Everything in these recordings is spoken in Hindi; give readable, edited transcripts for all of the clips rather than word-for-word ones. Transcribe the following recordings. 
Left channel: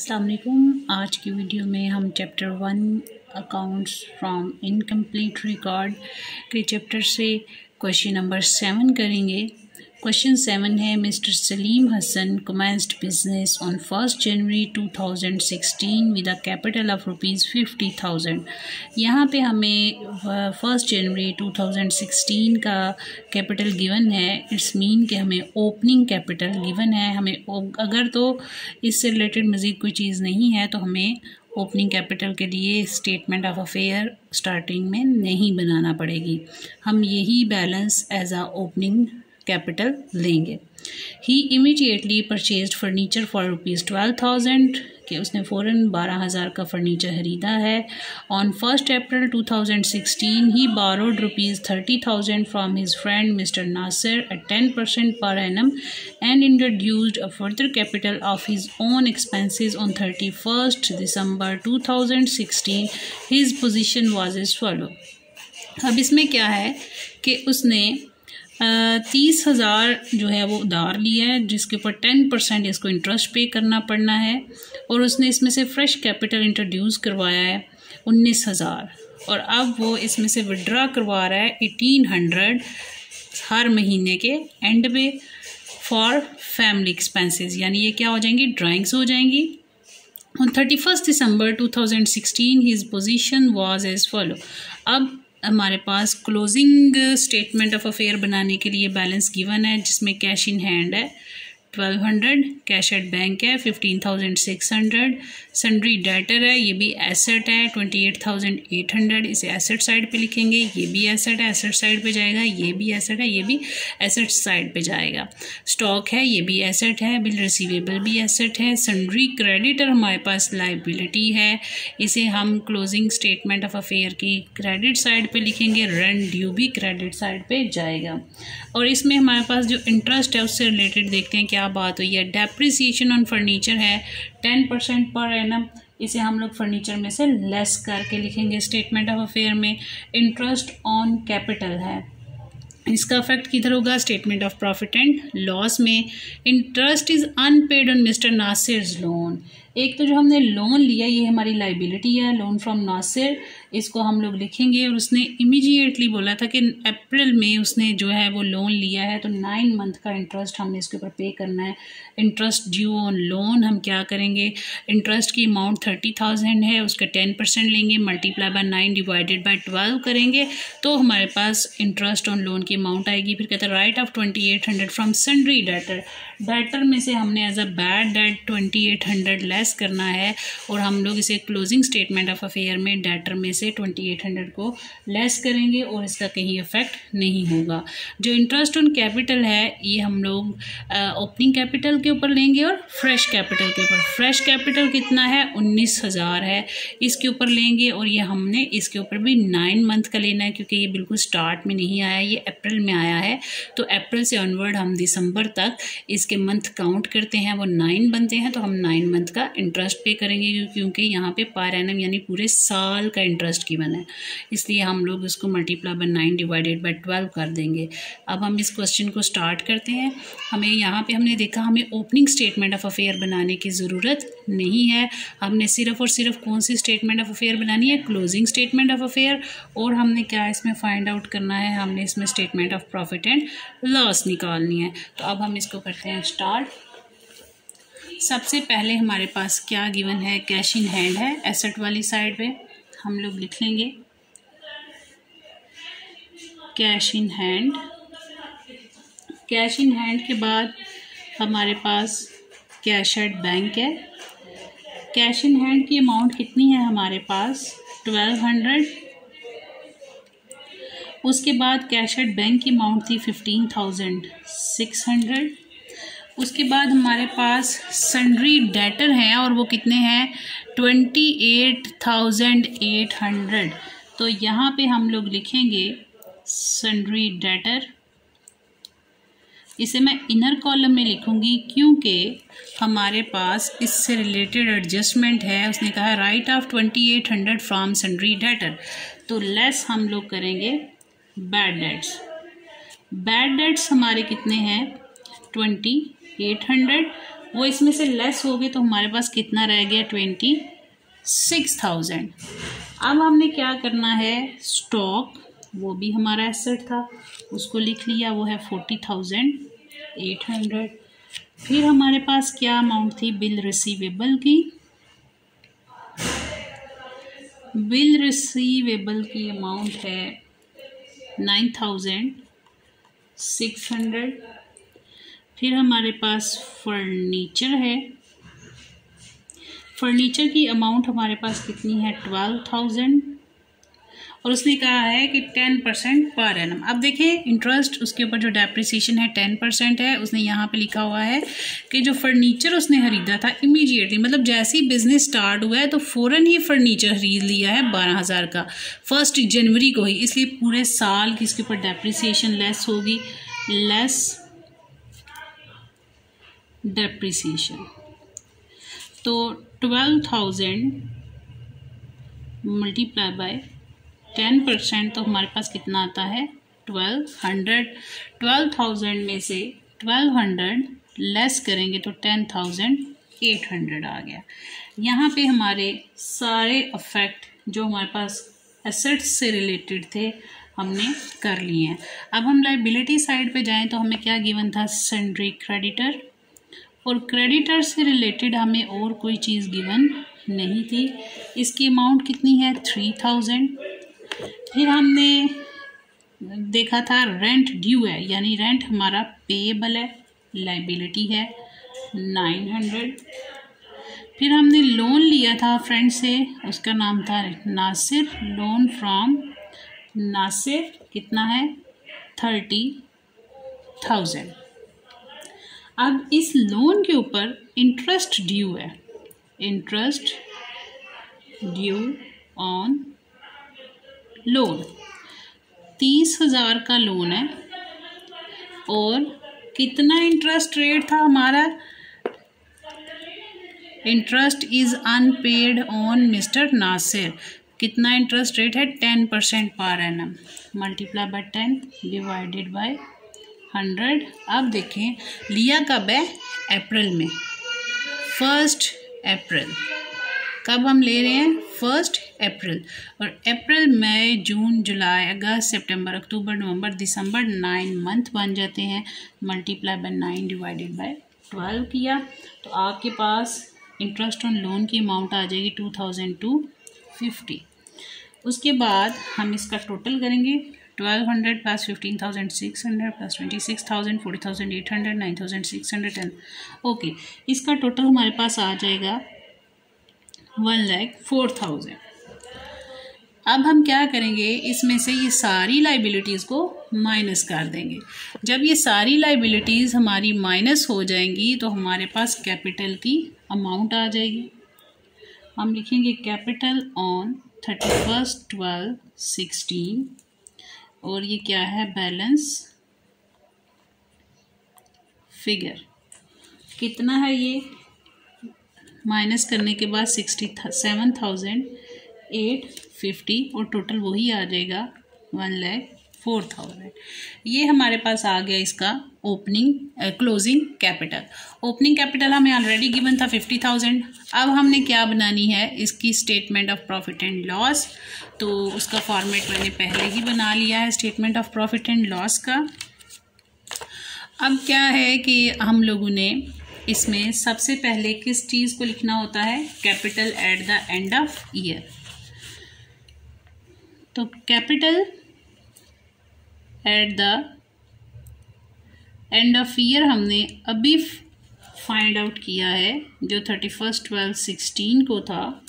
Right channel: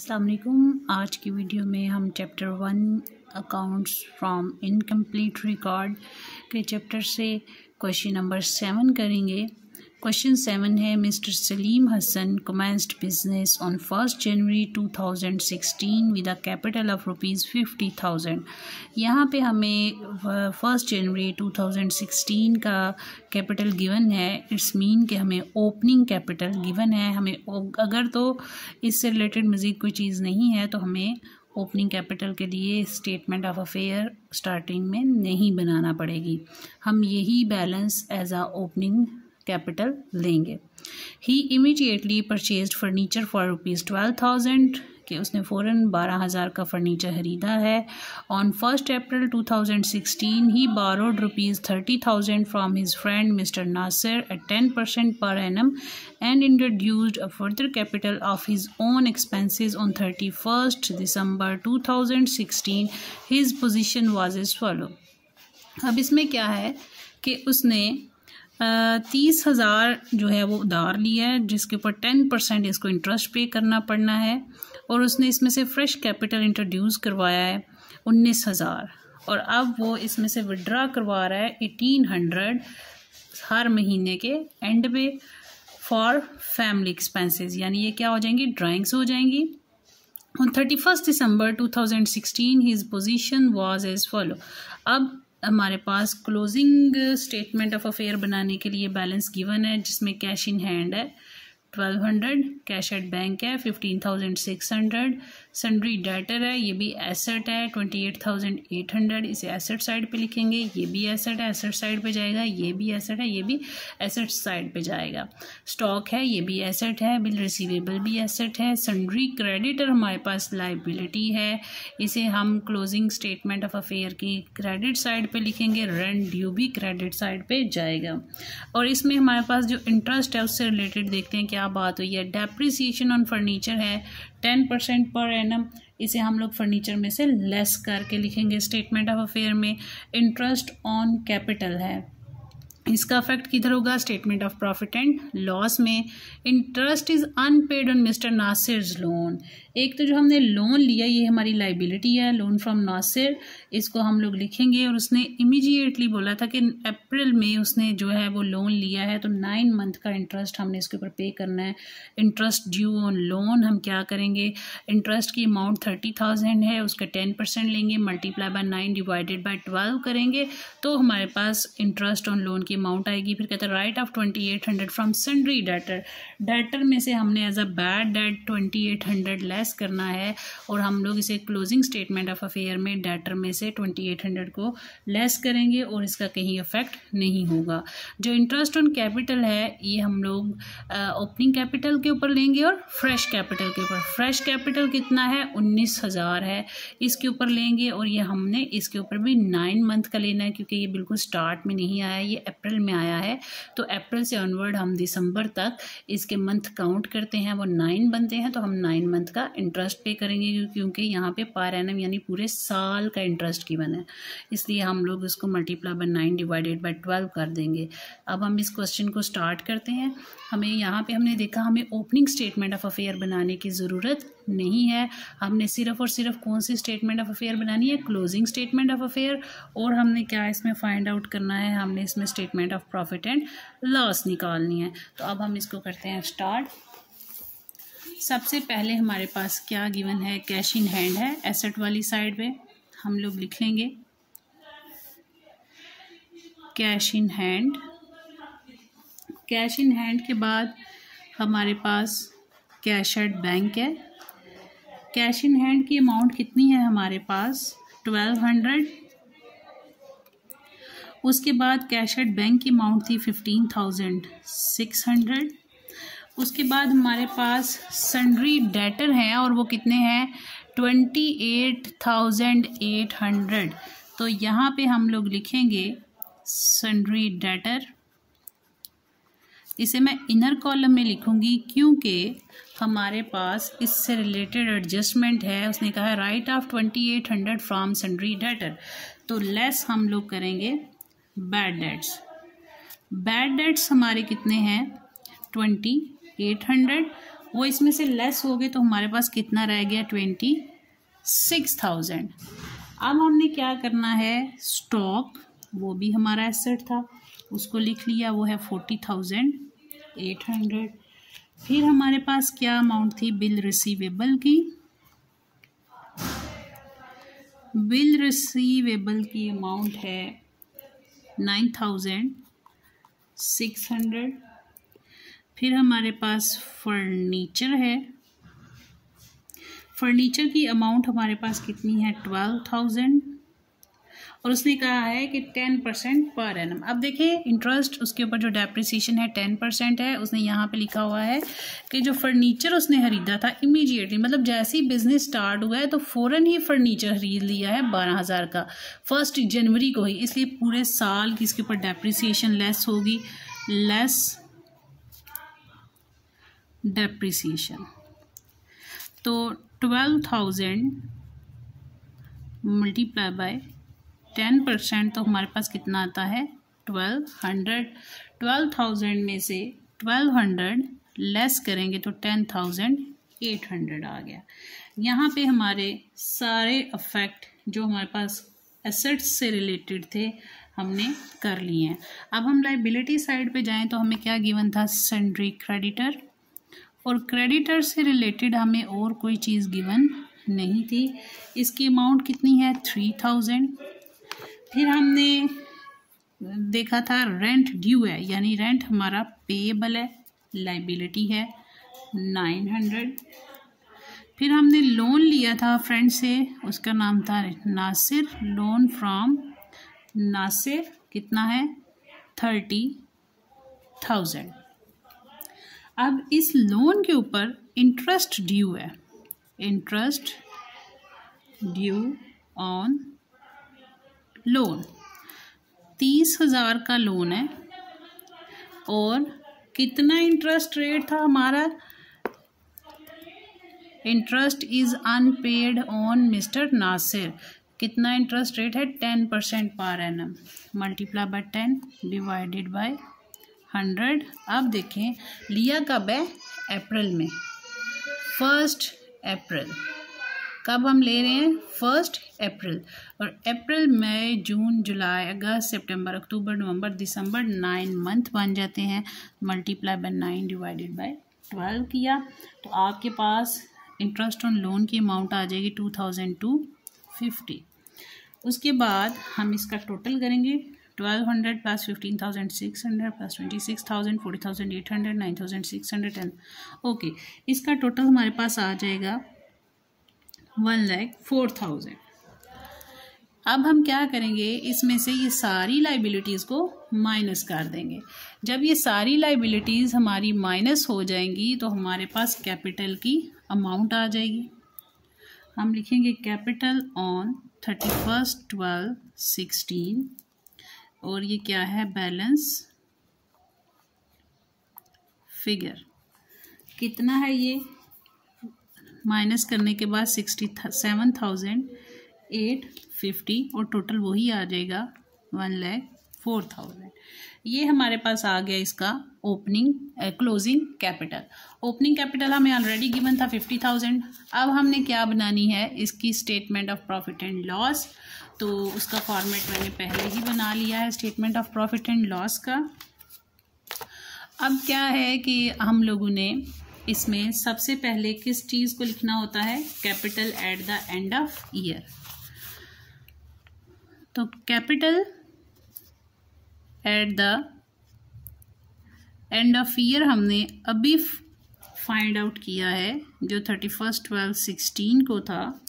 अस्सलाम वालेकुम। आज की वीडियो में हम chapter 1 accounts from incomplete record के चैप्टर से क्वेश्चन नंबर 7 करेंगे। क्वेश्चन 7 है, mister Salim Hasan commenced business on 1 January 2016 with a capital of ₹50,000। यहाँ पे हमें 1 जनवरी 2016 का कैपिटल गिवन है। इट्स मीन कि हमें ओपनिंग कैपिटल गिवन है। हमें अगर तो इससे रिलेटेड मज़ीद कोई चीज़ नहीं है तो हमें ओपनिंग कैपिटल के लिए स्टेटमेंट ऑफ अफेयर स्टार्टिंग में नहीं बनाना पड़ेगी। हम यही balance as a opening capital लेंगे। He immediately purchased furniture for ₹12,000 कि उसने फ़ौरन 12,000 का फर्नीचर ख़रीदा है। On 1 April 2016 he borrowed ₹30,000 from his friend mister Nasir at 10% per annum and introduced a further capital of his own expenses on 31st December 2016. His position was as follow. अब इसमें क्या है कि उसने 30,000 जो है वो उधार लिया है, जिसके ऊपर 10% इसको इंटरेस्ट पे करना पड़ना है, और उसने इसमें से फ्रेश कैपिटल इंट्रोड्यूस करवाया है 19,000, और अब वो इसमें से विड्रा करवा रहा है 1800 हर महीने के एंड पे फॉर फैमिली एक्सपेंसेस, यानी ये क्या हो जाएंगी, ड्राइंग्स हो जाएंगी। On 31 December 2016 his position was as follow. अब हमारे पास क्लोजिंग स्टेटमेंट ऑफ अफेयर बनाने के लिए बैलेंस गिवन है, जिसमें कैश इन हैंड है 1200, कैश एट बैंक है 15,600, सन्ड्री डेटर है, ये भी एसेट है 28,800, इसे एसेट साइड पे लिखेंगे। ये भी एसेट है, एसेट साइड पे जाएगा। ये भी एसेट है, ये भी एसेट साइड पे जाएगा। स्टॉक है, ये भी एसेट है। बिल रिसीवेबल भी एसेट है। सन्ड्री क्रेडिटर हमारे पास लाइबिलिटी है, इसे हम क्लोजिंग स्टेटमेंट ऑफ अफेयर की क्रेडिट साइड पे लिखेंगे। रेंट ड्यू भी क्रेडिट साइड पे जाएगा। और इसमें हमारे पास जो इंटरेस्ट है उससे रिलेटेड देखते हैं क्या बात हुई है। डेप्रिसिएशन ऑन फर्नीचर है 10% पर एनम, इसे हम लोग फर्नीचर में से लेस करके लिखेंगे स्टेटमेंट ऑफ अफेयर में। इंटरेस्ट ऑन कैपिटल है, इसका इफेक्ट किधर होगा, statement of profit and loss में। Interest is unpaid on mister Nasir's loan. एक तो जो हमने लोन लिया ये हमारी लाइबिलिटी है, लोन फ्रॉम नासिर, इसको हम लोग लिखेंगे। और उसने इमीडिएटली बोला था कि अप्रैल में उसने जो है वो लोन लिया है, तो 9 मंथ का इंटरेस्ट हमने इसके ऊपर पे करना है। इंटरेस्ट ड्यू ऑन लोन हम क्या करेंगे, इंटरेस्ट की अमाउंट 30,000 है, उसका 10% लेंगे, मल्टीप्लाई बाय 9 डिवाइडेड बाय 12 करेंगे, तो हमारे पास इंटरेस्ट ऑन लोन की अमाउंट आएगी। फिर कहता है write off 2800 from sundry debtor. Debtor में से हमने as a bad debt 2800 less करना है, और हम लोग इसे क्लोजिंग स्टेटमेंट ऑफ अफेयर में डेटर में से 2800 को लेस करेंगे, और इसका कहीं इफेक्ट नहीं होगा। जो इंटरेस्ट ऑन कैपिटल है ये हम लोग ओपनिंग कैपिटल के ऊपर लेंगे और फ्रेश कैपिटल के ऊपर। फ्रेश कैपिटल कितना है, 19,000 है, इसके ऊपर लेंगे। और ये हमने इसके ऊपर भी 9 मंथ का लेना है, क्योंकि ये बिल्कुल स्टार्ट में नहीं आया, ये अप्रैल में आया है। तो अप्रैल से ऑनवर्ड हम दिसंबर तक इसके मंथ काउंट करते हैं, वो 9 बनते हैं, तो हम 9 मंथ का इंटरेस्ट पे करेंगे, क्योंकि यहाँ पे पर एनम यानी पूरे साल का इंटरेस्ट गिवन है, इसलिए हम लोग इसको मल्टीप्लाई बाय 9 डिवाइडेड बाय 12 कर देंगे। अब हम इस क्वेश्चन को स्टार्ट करते हैं। हमें यहाँ पे हमने देखा हमें ओपनिंग स्टेटमेंट ऑफ अफेयर बनाने की ज़रूरत नहीं है, हमने सिर्फ और सिर्फ कौन सी स्टेटमेंट ऑफ अफेयर बनानी है, क्लोजिंग स्टेटमेंट ऑफ अफेयर। और हमने क्या इसमें फाइंड आउट करना है, हमने इसमें statement of profit and loss निकालनी है। तो अब हम इसको करते हैं स्टार्ट। सबसे पहले हमारे पास क्या गिवन है, कैश इन हैंड है, एसेट वाली साइड पे हम लोग लिख लेंगे cash in hand. Cash in hand के बाद हमारे पास कैश एट बैंक है। कैश इन हैंड की अमाउंट कितनी है हमारे पास, 1200। उसके बाद कैश एट बैंक की अमाउंट थी 15,600। उसके बाद हमारे पास सन्ड्री डेटर है, और वो कितने हैं, 28,800। तो यहाँ पे हम लोग लिखेंगे सन्ड्री डेटर, इसे मैं इनर कॉलम में लिखूंगी क्योंकि हमारे पास इससे रिलेटेड एडजस्टमेंट है। उसने कहा right off 2800 from sundry debtor, तो लेस हम लोग करेंगे बैड डेट्स। बैड डेट्स हमारे कितने हैं, 2800। वो इसमें से लेस हो गए तो हमारे पास कितना रह गया 26,000। अब हमने क्या करना है, स्टॉक वो भी हमारा एसेट था उसको लिख लिया, वो है 40,800। फिर हमारे पास क्या अमाउंट थी बिल रिसीवेबल की, बिल रिसीवेबल की अमाउंट है 9,600। फिर हमारे पास फर्नीचर है, फर्नीचर की अमाउंट हमारे पास कितनी है 12,000 और उसने कहा है कि 10% पर एनम। अब देखें इंटरेस्ट उसके ऊपर जो डेप्रिसिएशन है 10% है। उसने यहाँ पे लिखा हुआ है कि जो फर्नीचर उसने खरीदा था इमीडिएटली, मतलब जैसे ही बिजनेस स्टार्ट हुआ है तो फ़ौरन ही फर्नीचर खरीद लिया है 12,000 का 1 जनवरी को ही, इसलिए पूरे साल की इसके ऊपर डेप्रिसिएशन लेस होगी, लेस डेप्रिसिएशन। तो 12,000 मल्टीप्लाई बाय 10% तो हमारे पास कितना आता है 1200। 12,000 में से 1200 लेस करेंगे तो 10,800 आ गया। यहाँ पे हमारे सारे अफेक्ट जो हमारे पास एसेट्स से रिलेटेड थे हमने कर लिए हैं। अब हम लाइबिलिटी साइड पे जाएं तो हमें क्या गिवन था, सन्ड्री क्रेडिटर, और क्रेडिटर से रिलेटेड हमें और कोई चीज़ गिवन नहीं थी। इसकी अमाउंट कितनी है 3,000। फिर हमने देखा था रेंट ड्यू है, यानी रेंट हमारा पेएबल है, लाइबिलिटी है 900। फिर हमने लोन लिया था फ्रेंड से, उसका नाम था नासिर, लोन फ्रॉम नासिर, कितना है 30,000। अब इस लोन के ऊपर इंटरेस्ट ड्यू है, इंटरेस्ट ड्यू ऑन लोन 30,000 का लोन है और कितना इंटरेस्ट रेट था हमारा, interest is unpaid on mister Nasir, कितना इंटरेस्ट रेट है 10% per annum, multiply by 10 divided by 100। अब देखें लिया कब है, अप्रैल में, 1 अप्रैल। कब हम ले रहे हैं 1 अप्रैल, और अप्रैल मई जून जुलाई अगस्त सितंबर अक्टूबर नवंबर दिसंबर 9 मंथ बन जाते हैं, मल्टीप्लाई बाय 9 डिवाइडेड बाय 12 किया तो आपके पास इंटरेस्ट ऑन लोन की अमाउंट आ जाएगी 2,250। उसके बाद हम इसका टोटल करेंगे, 1,200 प्लस 15,600 प्लस 26,000 40,800 9,610। ओके, इसका टोटल हमारे पास आ जाएगा 1,04,000। अब हम क्या करेंगे, इसमें से ये सारी लाइबिलिटीज़ को माइनस कर देंगे। जब ये सारी लाइबिलिटीज़ हमारी माइनस हो जाएंगी तो हमारे पास कैपिटल की अमाउंट आ जाएगी। हम लिखेंगे कैपिटल ऑन 31/12/16 और ये क्या है बैलेंस फिगर, कितना है ये माइनस करने के बाद 67,850 और टोटल वही आ जाएगा 1,04,000। ये हमारे पास आ गया इसका opening closing capital. Opening capital हमें ऑलरेडी गिवन था 50,000। अब हमने क्या बनानी है, इसकी statement of profit and loss. तो उसका फॉर्मेट मैंने पहले ही बना लिया है statement of profit and loss का। अब क्या है कि हम लोगों ने इसमें सबसे पहले किस चीज़ को लिखना होता है, capital at the end of year. तो capital at the end of year हमने अभी फाइंड आउट किया है, जो 31/12/16 को था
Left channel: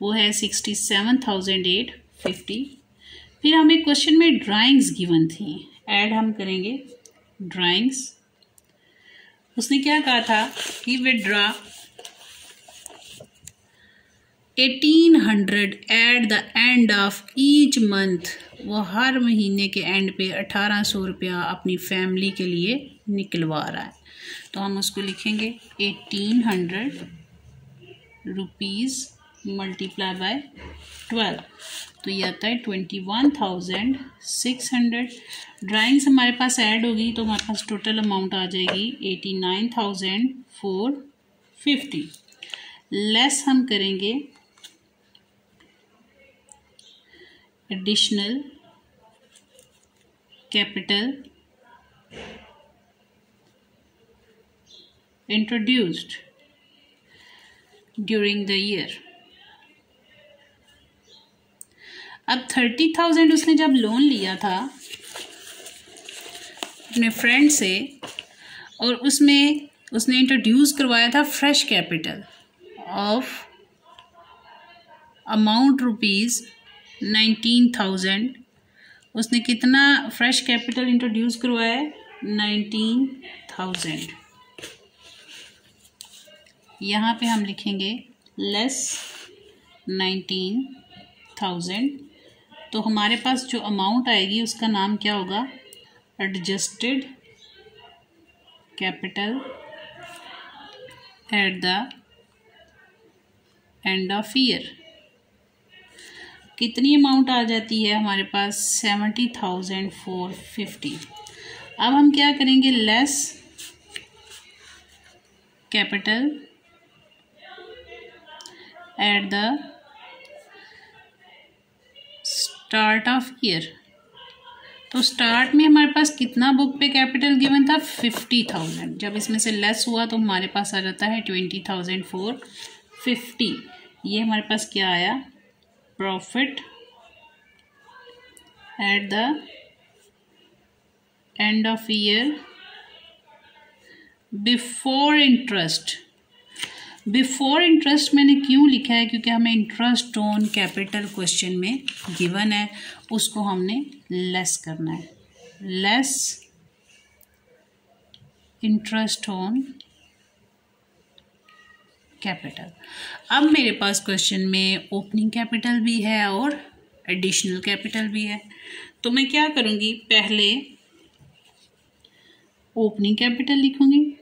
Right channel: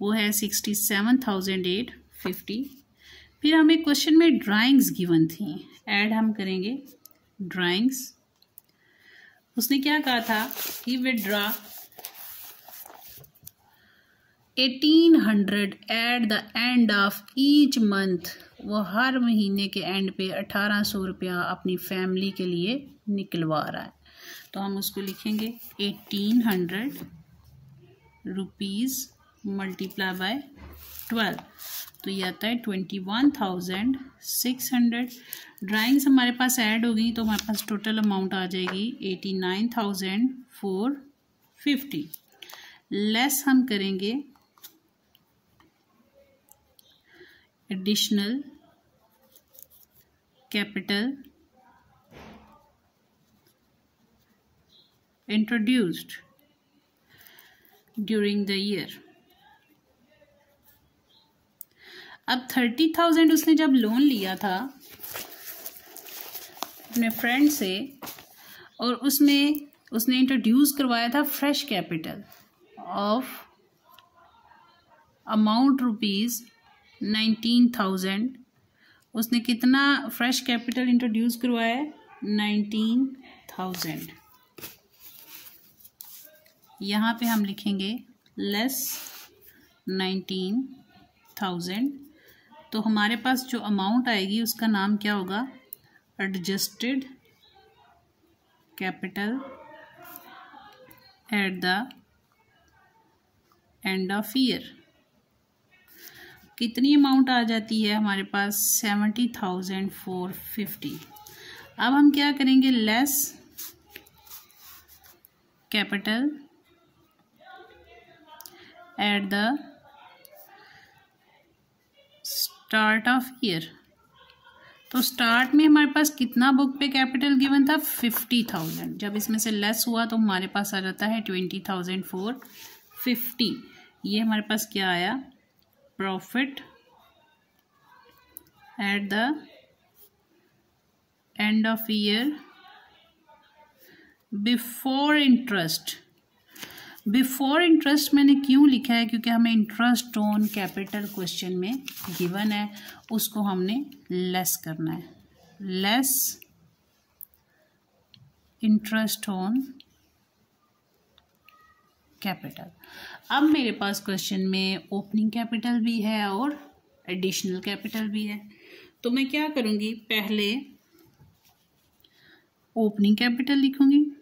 वो है 67,850। फिर हमें क्वेश्चन में ड्राइंग्स गिवन थी, ऐड हम करेंगे ड्राइंग्स। उसने क्या कहा था कि withdraw 1,800 eight the end of each month, वो हर महीने के एंड पे 1,800 रुपया अपनी फैमिली के लिए निकलवा रहा है। तो हम उसको लिखेंगे 1,800 रुपीज़ मल्टीप्लाई बाय 12, तो ये आता है 21,600। ड्राइंग्स हमारे पास ऐड होगी तो हमारे पास टोटल अमाउंट आ जाएगी 89,400। 50 लेस हम करेंगे additional capital introduced during the year. अब 30,000 उसने जब लोन लिया था अपने फ्रेंड से और उसमें उसने इंट्रोड्यूस करवाया था fresh capital of amount rupees 19,000। उसने कितना फ्रेश कैपिटल इंट्रोड्यूस करवाया है? 19,000। यहाँ पे हम लिखेंगे लेस 19,000। तो हमारे पास जो अमाउंट आएगी उसका नाम क्या होगा? Adjusted capital at the end of year. कितनी अमाउंट आ जाती है हमारे पास? 70,450। अब हम क्या करेंगे? Less capital at the start of year. तो स्टार्ट में हमारे पास कितना बुक पे कैपिटल गिवन था? 50,000। जब इसमें से लेस हुआ तो हमारे पास आ जाता है 20,450। ये हमारे पास क्या आया? Profit eight the end of year before interest. Before interest मैंने क्यों लिखा है? क्योंकि हमें इंटरेस्ट ऑन कैपिटल क्वेश्चन में गिवन है, उसको हमने लेस करना है। Less interest on capital. अब मेरे पास क्वेश्चन में ओपनिंग कैपिटल भी है और एडिशनल कैपिटल भी है, तो मैं क्या करूँगी? पहले ओपनिंग कैपिटल लिखूँगी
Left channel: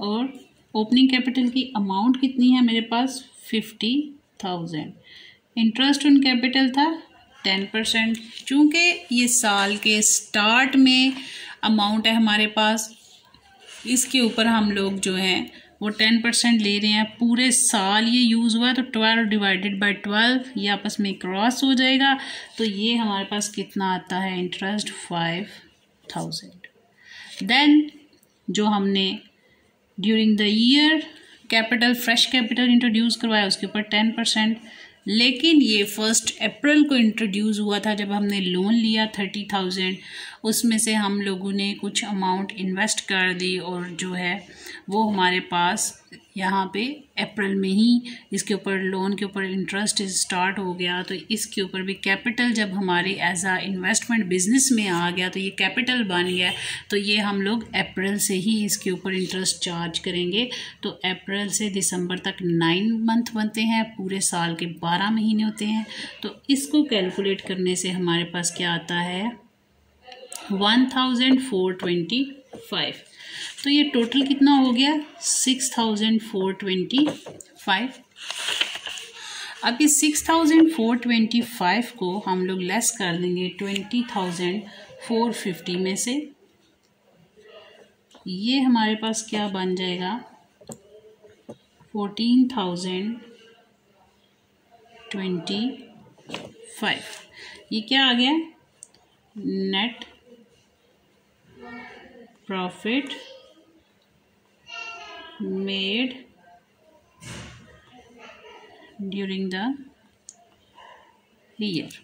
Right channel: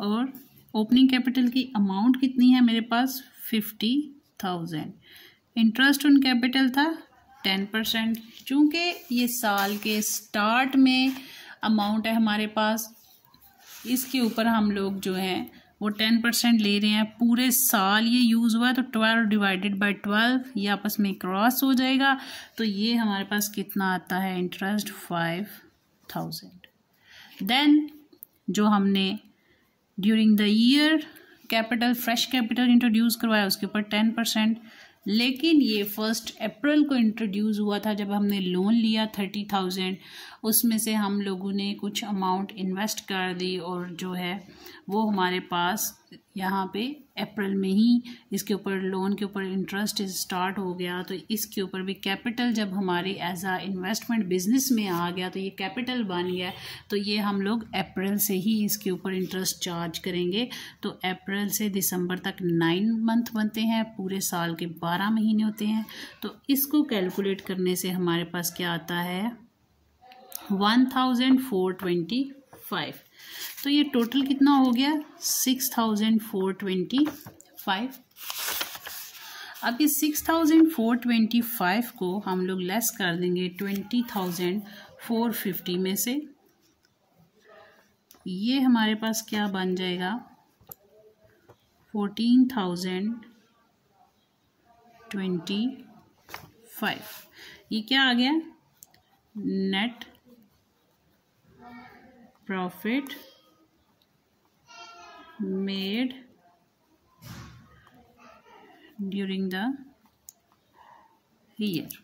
और ओपनिंग कैपिटल की अमाउंट कितनी है मेरे पास? 50,000। इंटरेस्ट ऑन कैपिटल था 10%। चूँकि ये साल के स्टार्ट में अमाउंट है हमारे पास, इसके ऊपर हम लोग जो है वो 10% ले रहे हैं। पूरे साल ये यूज़ हुआ है तो 12 डिवाइडेड बाई 12 ये आपस में क्रॉस हो जाएगा। तो ये हमारे पास कितना आता है? इंटरेस्ट 5,000। देन जो हमने during the year capital fresh capital introduce करवाया उसके ऊपर 10%। लेकिन ये 1 अप्रैल को इंट्रोड्यूस हुआ था जब हमने लोन लिया 30,000। उसमें से हम लोगों ने कुछ अमाउंट इन्वेस्ट कर दी और जो है वो हमारे पास यहाँ पे अप्रैल में ही इसके ऊपर लोन के ऊपर इंटरेस्ट स्टार्ट हो गया। तो इसके ऊपर भी कैपिटल जब हमारे एज आ इन्वेस्टमेंट बिजनेस में आ गया तो ये कैपिटल बन गया। तो ये हम लोग अप्रैल से ही इसके ऊपर इंटरेस्ट चार्ज करेंगे। तो अप्रैल से दिसंबर तक 9 मंथ बनते हैं, पूरे साल के 12 महीने होते हैं। तो इसको कैलकुलेट करने से हमारे पास क्या आता है? 1,425। तो ये टोटल कितना हो गया? 6,425। अब इस 6,425 को हम लोग लेस कर देंगे 20,450 में से। ये हमारे पास क्या बन जाएगा? 14,025। ये क्या आ गया? Net profit made during the year.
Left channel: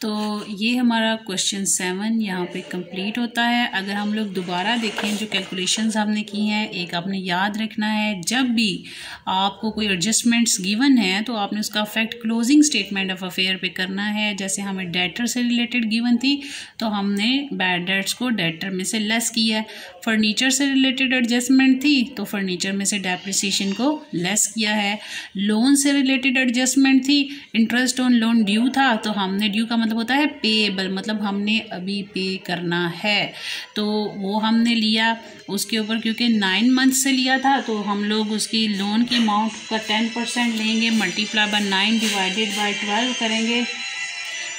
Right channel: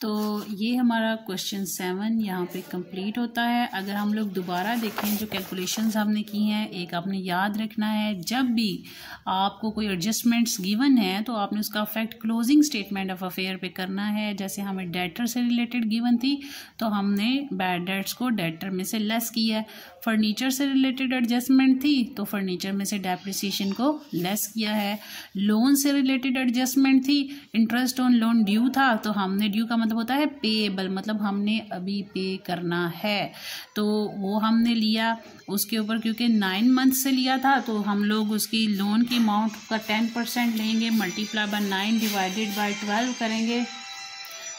तो ये हमारा क्वेश्चन 7 यहाँ पे कंप्लीट होता है। अगर हम लोग दोबारा देखें जो कैलकुलेशंस हमने की हैं, एक आपने याद रखना है, जब भी आपको कोई एडजस्टमेंट्स गिवन है तो आपने उसका effect closing statement of affair पे करना है। जैसे हमें डेटर से रिलेटेड गिवन थी तो हमने बैड डेट्स को डेटर में से लेस किया है। फर्नीचर से रिलेटेड एडजस्टमेंट थी तो फर्नीचर में से डेप्रिसिएशन को लेस किया है। लोन से रिलेटेड एडजस्टमेंट थी, इंटरेस्ट ऑन लोन ड्यू था तो हमने ड्यू का मतलब होता है पेएबल, मतलब हमने अभी पे करना है, तो वो हमने लिया उसके ऊपर। क्योंकि 9 मंथ से लिया था तो हम लोग उसकी लोन की अमाउंट का 10% लेंगे, मल्टीप्लाई बाय 9 डिवाइडेड बाय 12 करेंगे।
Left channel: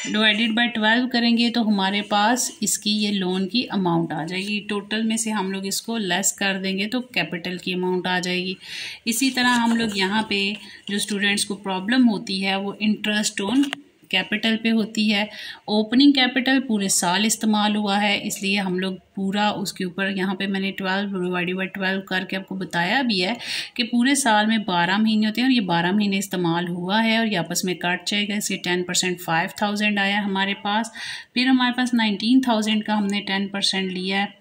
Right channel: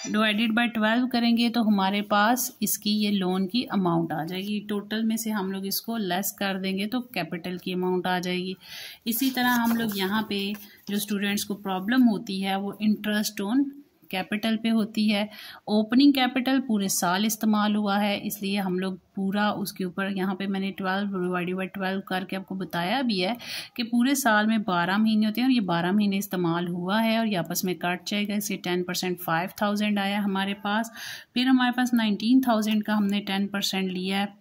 डिवाइडेड बाय 12 करेंगे तो हमारे पास इसकी ये लोन की अमाउंट आ जाएगी। टोटल में से हम लोग इसको लेस कर देंगे तो कैपिटल की अमाउंट आ जाएगी। इसी तरह हम लोग यहाँ पे जो स्टूडेंट्स को प्रॉब्लम होती है वो इंटरेस्ट ऑन कैपिटल पे होती है। ओपनिंग कैपिटल पूरे साल इस्तेमाल हुआ है, इसलिए हम लोग पूरा उसके ऊपर यहाँ पे मैंने 12 डिवाइडेड बाई 12 करके आपको बताया भी है कि पूरे साल में 12 महीने होते हैं और ये 12 महीने इस्तेमाल हुआ है और ये आपस में कट जाएगा। इसलिए 10% 5000 आया हमारे पास। फिर हमारे पास 19,000 का हमने 10% लिया है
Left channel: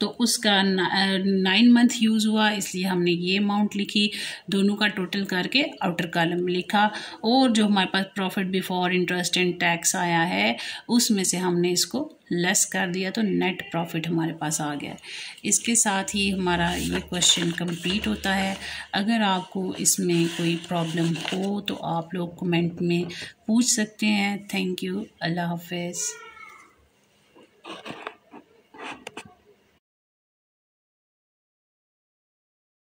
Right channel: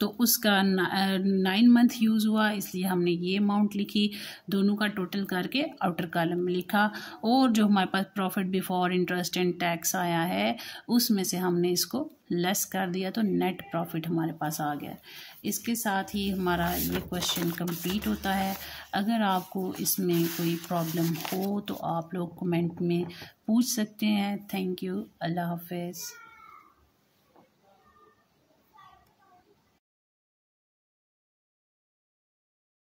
तो उसका 9 मंथ यूज़ हुआ, इसलिए हमने ये अमाउंट लिखी। दोनों का टोटल करके आउटर कॉलम में लिखा। और जो हमारे पास profit before interest and tax आया है उसमें से हमने इसको लेस कर दिया तो नेट प्रॉफिट हमारे पास आ गया। इसके साथ ही हमारा ये क्वेश्चन कंप्लीट होता है। अगर आपको इसमें कोई प्रॉब्लम हो तो आप लोग कमेंट में पूछ सकते हैं। Thank you. अल्लाह हाफिज़।